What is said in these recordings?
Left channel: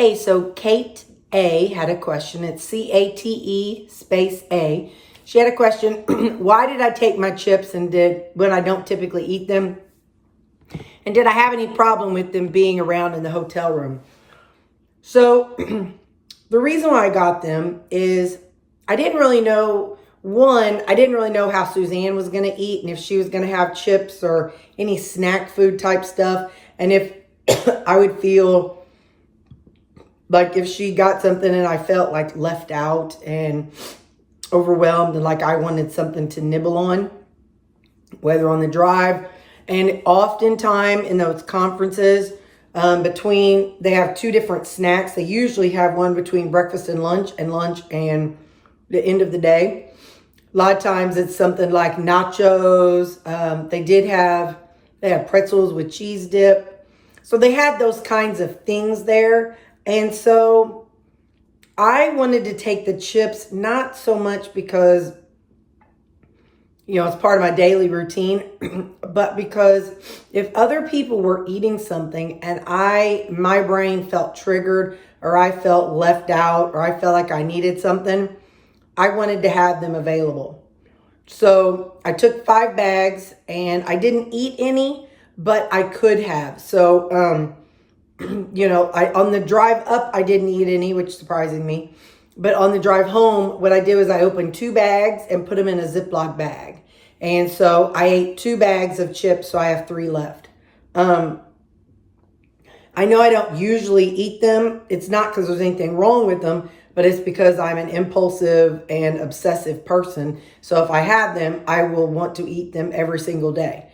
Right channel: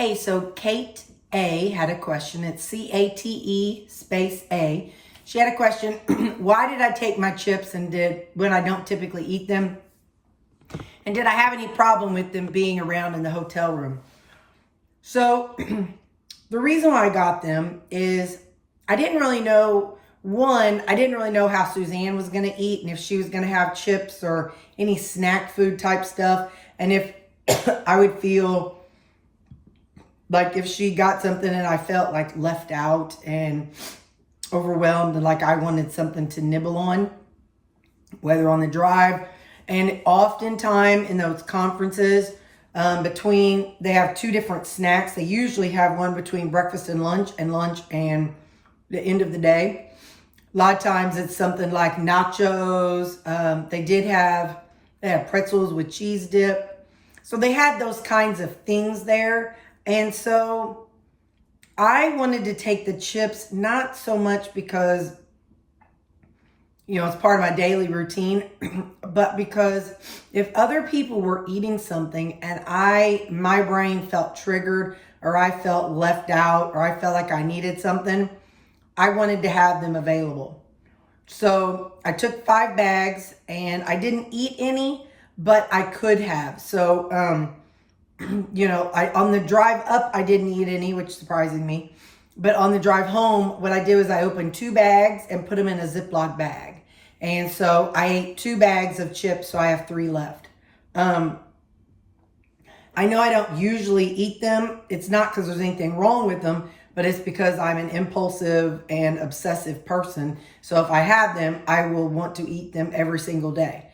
Hey, so Cate A had a question. It's C-A-T-E space A. She had a question. Why did I take my chips when I don't typically eat them? And did I have any problem with them being around in the hotel room? So the reason why I got them is I didn't really know, I didn't really know how Suzanne was going to eat and if she was going to have chips or any snack food type stuff. And if I would feel like if she got something and I felt like left out and overwhelmed and like I wanted something to nibble on, whether on the drive. And oftentimes in those conferences, they have two different snacks. They usually have one between breakfast and lunch and the end of the day. A lot of times it's something like nachos. They have pretzels with cheese dip. So they had those kinds of things there. And so I wanted to take the chips, not so much because, it's part of my daily routine, but because if other people were eating something and my brain felt triggered or I felt left out or I felt like I needed something, I wanted to have them available. So I took 5 bags and I didn't eat any, but I could have. So, on the drive up, I didn't eat any, which surprised me. But on the drive home, what I did was I opened 2 bags and put them in a Ziploc bag. And so I ate 2 bags of chips, so I have 3 left. I know I don't usually eat them. It's not because there's anything wrong with them, but it's because I'm an impulsive and obsessive person. So if I have them, I will want to eat them every single day.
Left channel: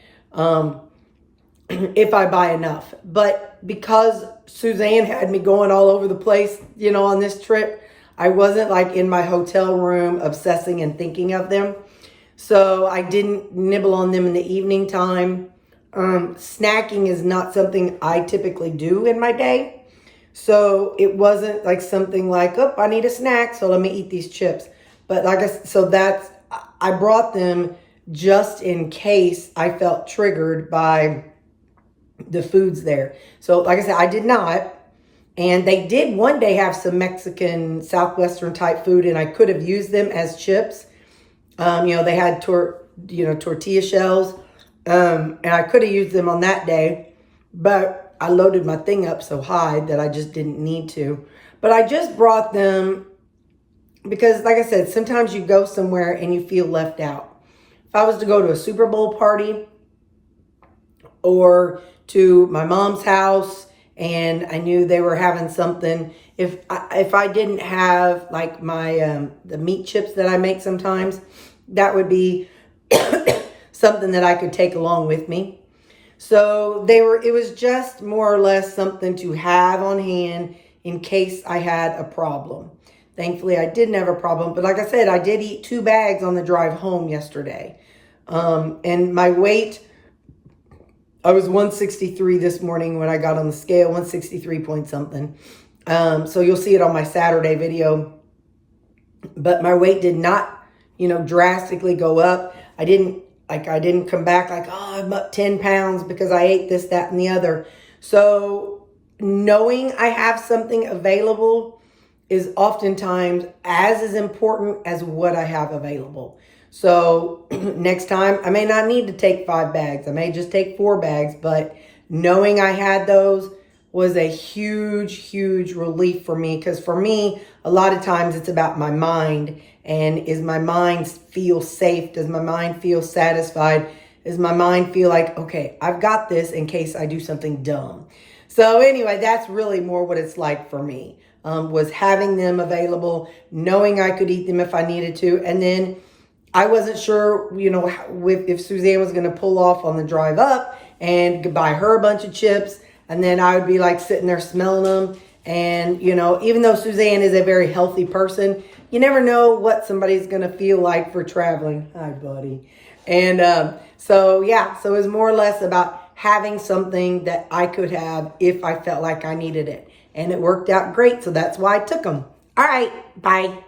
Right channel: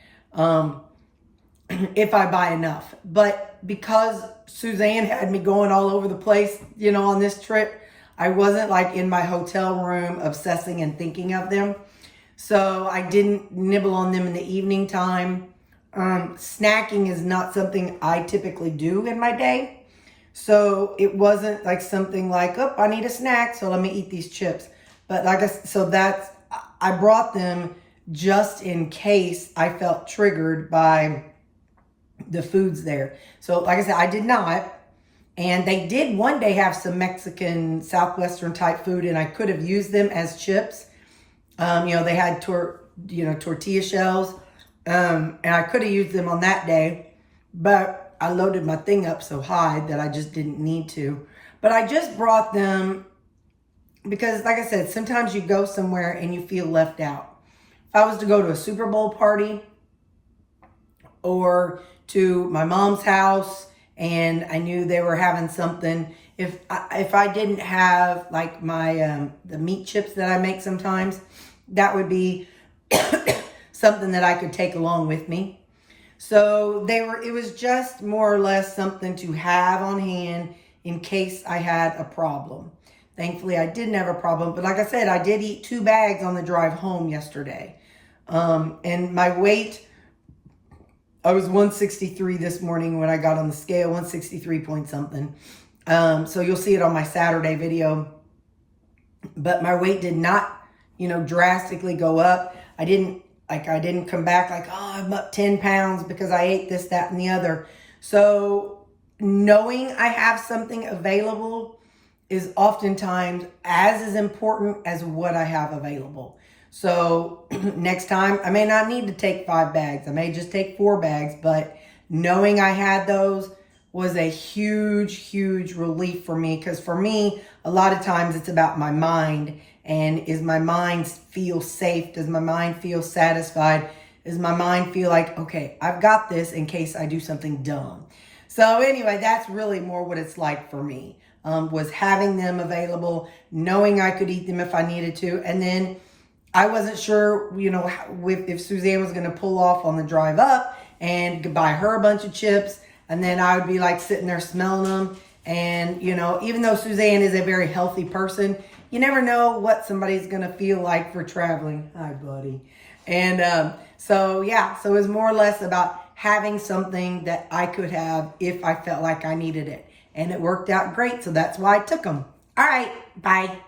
If I buy enough. But because Suzanne had me going all over the place, on this trip, I wasn't like in my hotel room obsessing and thinking of them. So I didn't nibble on them in the evening time. Snacking is not something I typically do in my day. So it wasn't like something like, I need a snack, so let me eat these chips. But I brought them just in case I felt triggered by the foods there. So like I said, I did not. And they did one day have some Mexican, Southwestern type food, and I could have used them as chips. They had tortilla shells, and I could have used them on that day, but I loaded my thing up so high that I just didn't need to. But I just brought them because, like I said, sometimes you go somewhere and you feel left out. If I was to go to a Super Bowl party or to my mom's house and I knew they were having something, if I didn't have like my the meat chips that I make sometimes, that would be something that I could take along with me. So it was just more or less something to have on hand in case I had a problem. Thankfully, I didn't have a problem. But like I said, I did eat 2 bags on the drive home yesterday. And my weight, I was 163 this morning when I got on the scale, 163 point something. So you'll see it on my Saturday video. But my weight did not, drastically go up. I didn't come back like, I'm up 10 pounds because I ate this, that, and the other. So knowing I have something available is oftentimes as important as what I have available. So next time, I may not need to take 5 bags. I may just take 4 bags, but knowing I had those was a huge, huge relief for me. Because for me, a lot of times it's about my mind. And is my mind feel safe? Does my mind feel satisfied? Does my mind feel like, okay, I've got this in case I do something dumb? So anyway, that's really more what it's like for me, was having them available, knowing I could eat them if I needed to. And then I wasn't sure, if Suzanne was going to pull off on the drive up and buy her a bunch of chips. And then I would be like sitting there smelling them. And, even though Suzanne is a very healthy person, you never know what somebody's going to feel like for traveling. Hi, buddy. And so it was more or less about having something that I could have if I felt like I needed it. And it worked out great. So that's why I took them. All right. Bye.